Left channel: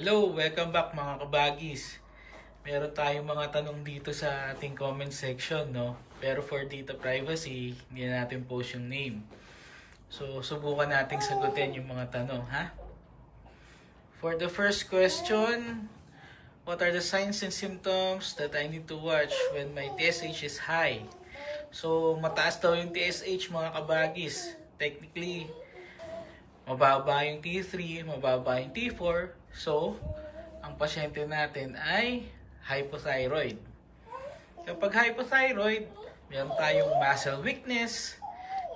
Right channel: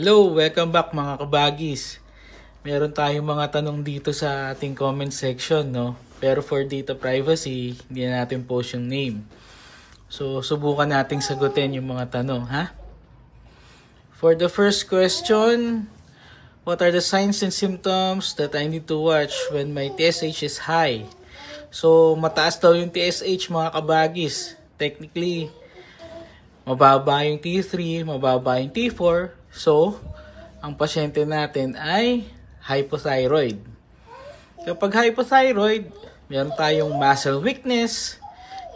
Hello, welcome back mga kabagis. Meron tayong mga tanong dito sa ating comment section, no? Pero for data privacy, hindi na natin post yung name. So, subukan nating sagutin yung mga tanong, ha? For the first question, what are the signs and symptoms that I need to watch when my TSH is high? So, mataas daw yung TSH mga kabagis. Technically, mababa yung T3, mababa yung T4. So, ang pasyente natin ay hypothyroid. Kapag hypothyroid, meron tayong muscle weakness.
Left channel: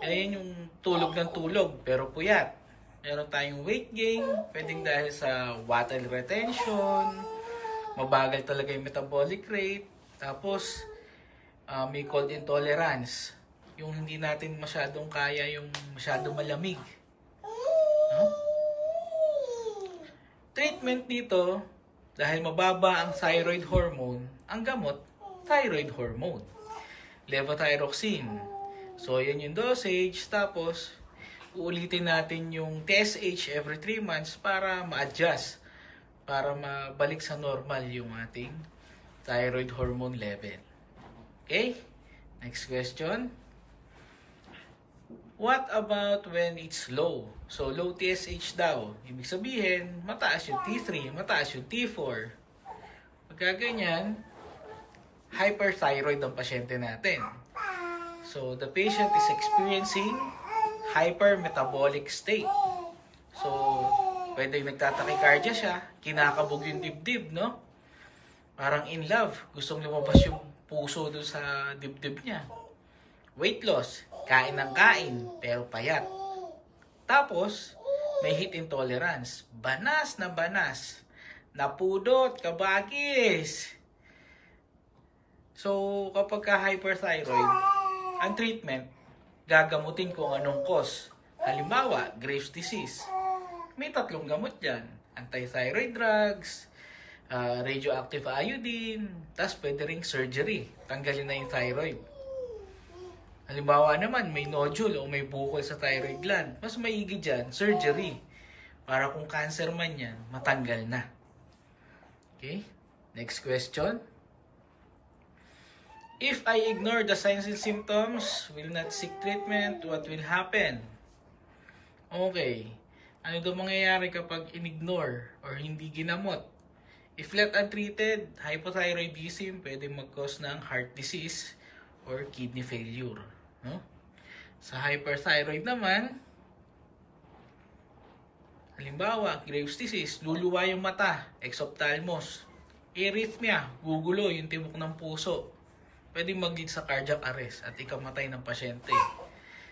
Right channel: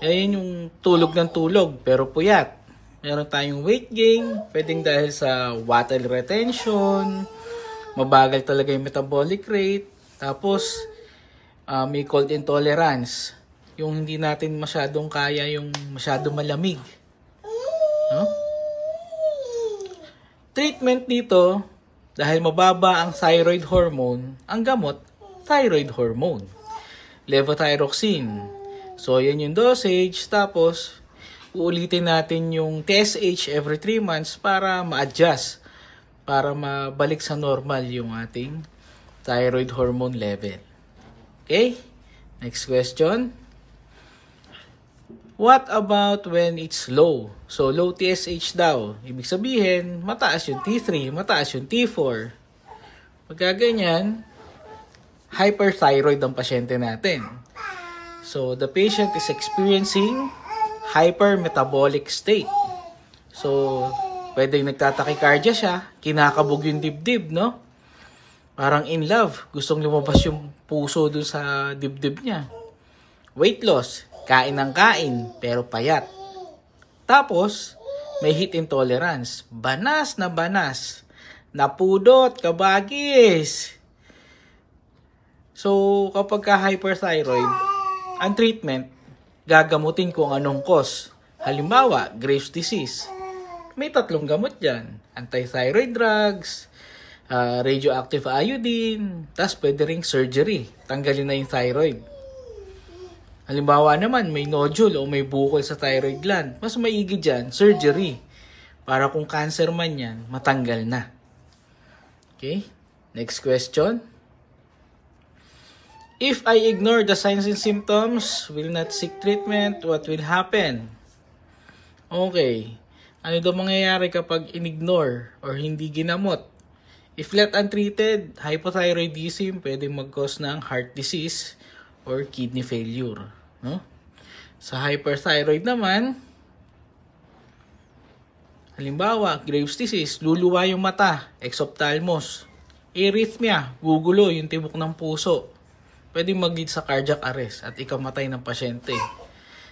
Yan yung tulog ng tulog pero puyat. Meron tayong weight gain, pwedeng dahil sa water retention, mabagal talaga yung metabolic rate. Tapos, may cold intolerance. Yung hindi natin masyadong kaya yung masyadong malamig. No? Treatment dito, dahil mababa ang thyroid hormone, ang gamot, thyroid hormone. Levothyroxine. So, yan yung dosage. Tapos, uulitin natin yung TSH every 3 months para ma-adjust. Para mabalik sa normal yung ating thyroid hormone level. Okay? Next question. What about when it's low? So, low TSH daw. Ibig sabihin, mataas yung T3, mataas yung T4. Pagkaganyan, hyperthyroid ang pasyente natin. So, the patient is experiencing hypermetabolic state. So, pwedeng nagtatakicardia siya, kinakabog yung dibdib, no? Parang in love, gustong lumabas yung puso dun sa dibdib niya. Weight loss, kain ng kain, pero payat. Tapos, may heat intolerance. Banas, napudot, kabagis. So, kapag ka-hyperthyroid, ang treatment, gagamutin kung anong cause. Halimbawa, Graves' disease. May 3 gamot dyan. Anti-thyroid drugs, radioactive iodine, tas pwede ring surgery. Tanggalin na yung thyroid. Halimbawa naman, may nodule o may bukol sa thyroid gland. Mas maigi dyan, surgery. Para kung cancer man yan, matanggal na. Okay? Next question. If I ignore the signs and symptoms, will not seek treatment, what will happen? Okay. Ano daw mangyayari kapag in-ignore or hindi ginamot? If left untreated, hypothyroidism pwede mag-cause ng heart disease or kidney failure, no? Sa hyperthyroid naman, halimbawa, Graves' disease, luluwa yung mata, exophthalmos, arrhythmia, gugulo yung tibok ng puso, pwedeng mag-lead sa cardiac arrest at ikamatay ng pasyente.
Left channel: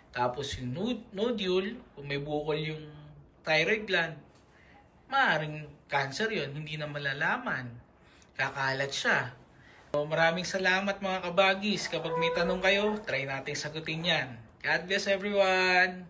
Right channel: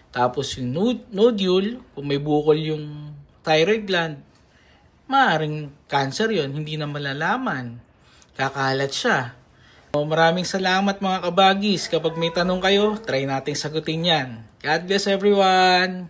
Tapos yung nodule, kung may bukol yung thyroid gland, maaaring cancer yon, hindi na malalaman, kakalat siya. Maraming salamat mga kabagis. Kapag may tanong kayo, try natin sagutin yan. God bless everyone!